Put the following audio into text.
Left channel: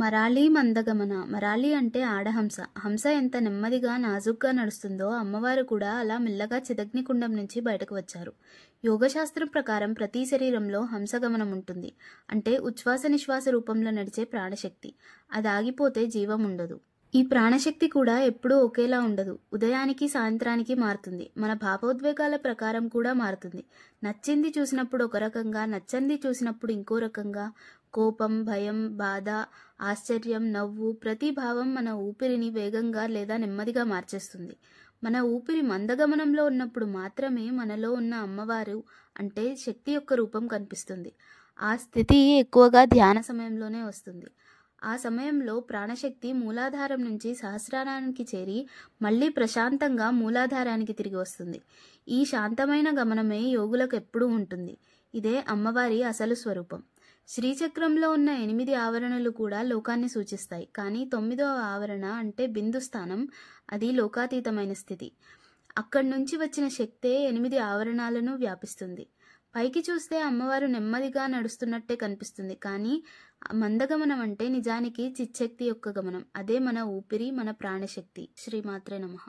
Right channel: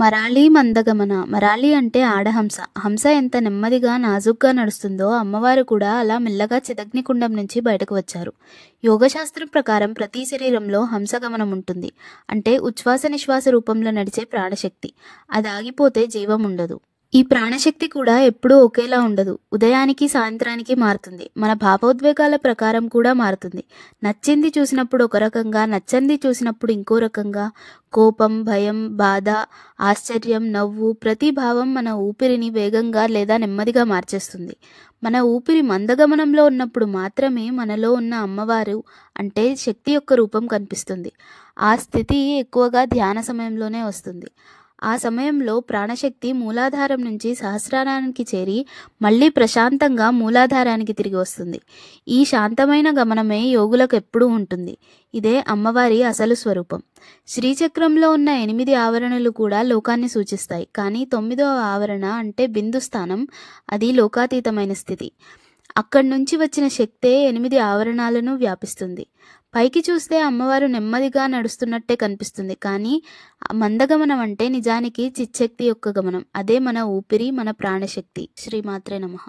మరాళీ మందగమన. మరాళీ అంటే ఆడహంస. హంస ఎంత నెమ్మదిగా నాజూగ్గా నడుస్తుందో అమ్మవారు కూడా అలా మెల్లగా చిదగ్నికుండం నుంచి బయటకు వచ్చారు. యోగశాస్త్రం ప్రకారం ప్రతి శరీరంలో హంసగమనం ఉంటుంది. అంటే ఉచ్ఛ్వాస నిశ్వాస రూపంలో నడిచే ప్రాణశక్తి. అది ఆగిపోతే జీవం ఉండదు. ఈ ప్రాణశక్తి కూడా ఎప్పుడూ ఒకేలా ఉండదు. ఉదయానికి సాయంత్రానికి మారుతుంది. మన భావోద్వేగాల ప్రకారం కూడా మారుతుంది. నచ్చింది చూసినప్పుడు ఒక రకంగా, నచ్చంది చూసినప్పుడు ఇంకో రకంగా. కోపం, భయం, బాధ, ఆశ్చర్యం, నవ్వు, ప్రతి భావం మన ఊపిరిని వేగంగా లేదా నెమ్మదిగా మార్చేస్తుంది. మన ఊపిరి మందగమనంలో ఉన్నప్పుడు మాత్రమే మనలో ఉన్న అమ్మవారు అంటే శక్తి యొక్క రూపం కనిపిస్తుంది. ఆ స్థితి ఎక్కువగా ధ్యాన సమయంలోనే వస్తుంది. ఆ సమయంలో ప్రాణశక్తి మూలాధారం నుంచి సహస్రారానికి చేరి మళ్ళీ ప్రశాంతంగా మూలాధారానికి తిరిగి వస్తుంది. ఈ శాంతమైన గమనమే యోగులకు ఎప్పుడూ ఉంటుంది. ఇదే అమ్మవారి అసలు స్వరూపం. శ్రీచక్రంలో ఉన్న 8 ఆవరణలు కూడా లోకాన్ని సూచిస్తాయి. కానీ 9వ ఆవరణ అంటే బిందు స్థానం, అది లోకాతీతమైన స్థితి. అక్కడి నుంచి వచ్చిన శక్తే 8 ఆవరణాలను వ్యాపిస్తుంది. పైకి చూస్తే అమ్మవారు నెమ్మదిగా నడుస్తున్నట్టే కనిపిస్తుంది. కానీ మందగమనం అంటే నిజానికి చిచ్చక్తి యొక్క గమనం. అదే మన ఊపిరి, మన ప్రాణశక్తి. శ్రీమాత్రే నమః.